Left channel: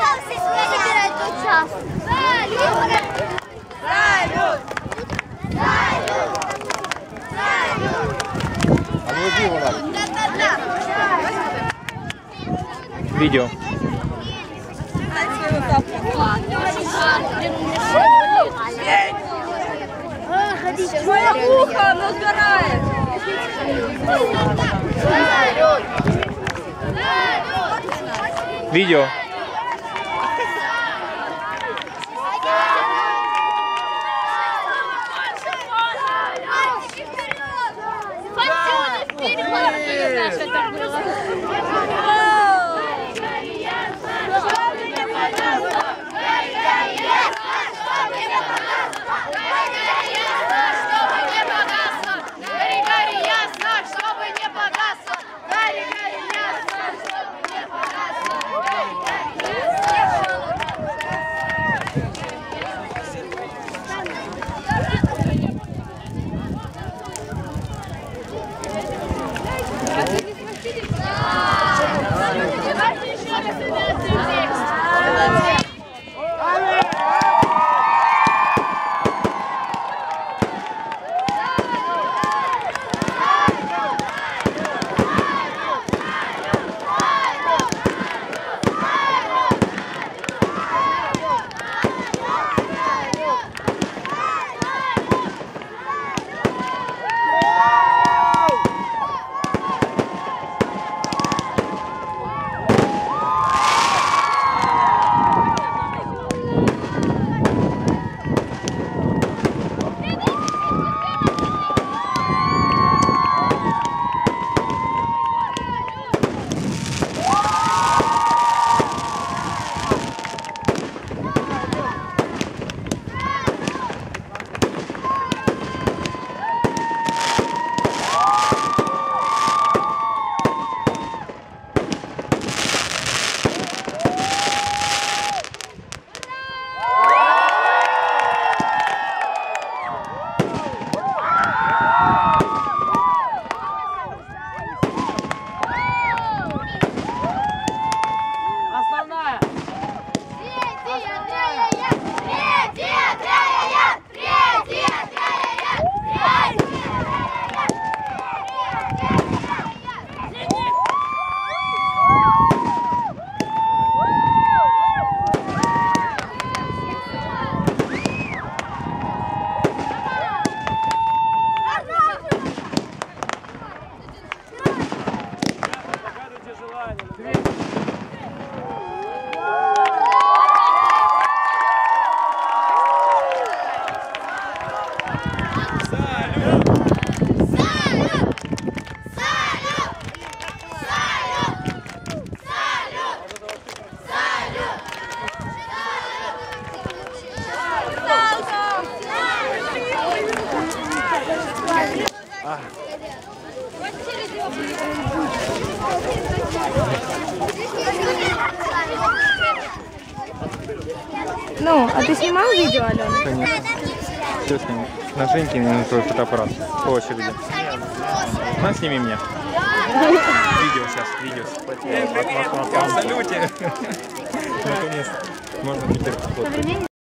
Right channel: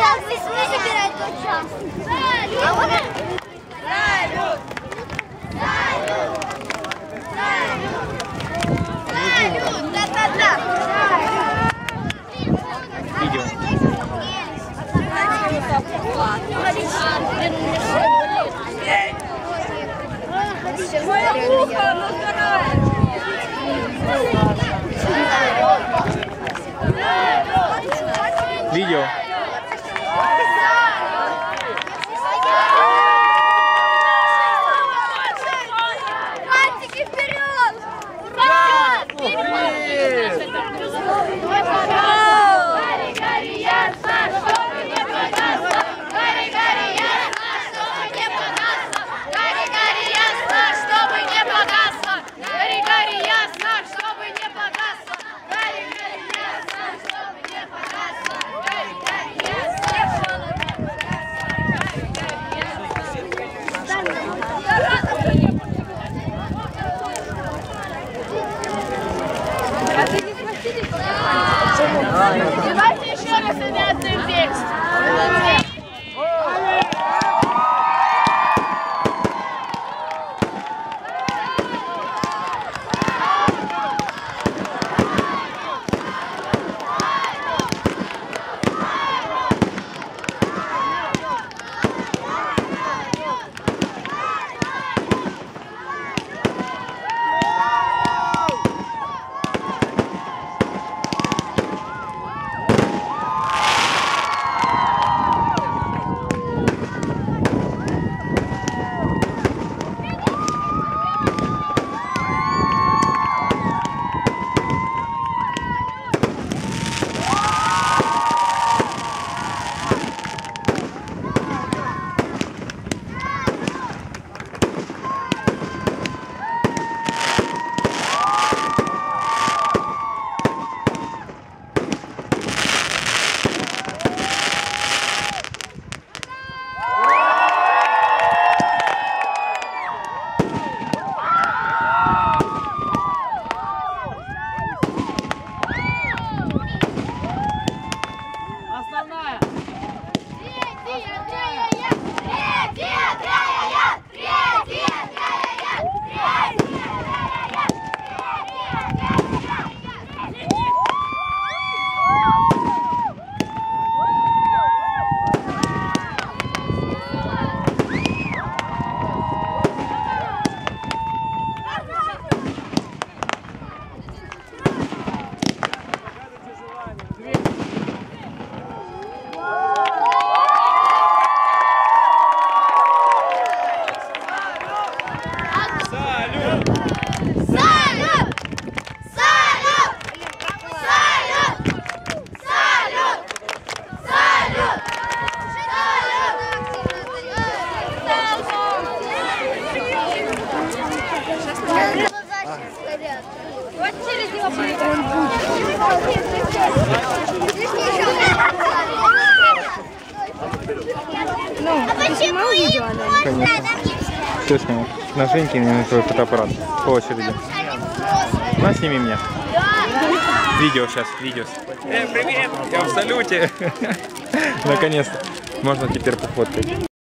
остался собирать тот час. Салют! Салют! Салют! Салют! Да-да-да! Видео. Видео. Мальчики, вперед! Давайте еще раз меняться текст. Ну, а ты снимал видео, Алена? Конечно. Все снимешь. На Женьке и на твой фотоаппарат. По очереди. На, сними меня. Видео сейчас, видео. Привет! Я в салюте! Наконец-то. Можно теперь пофоткать.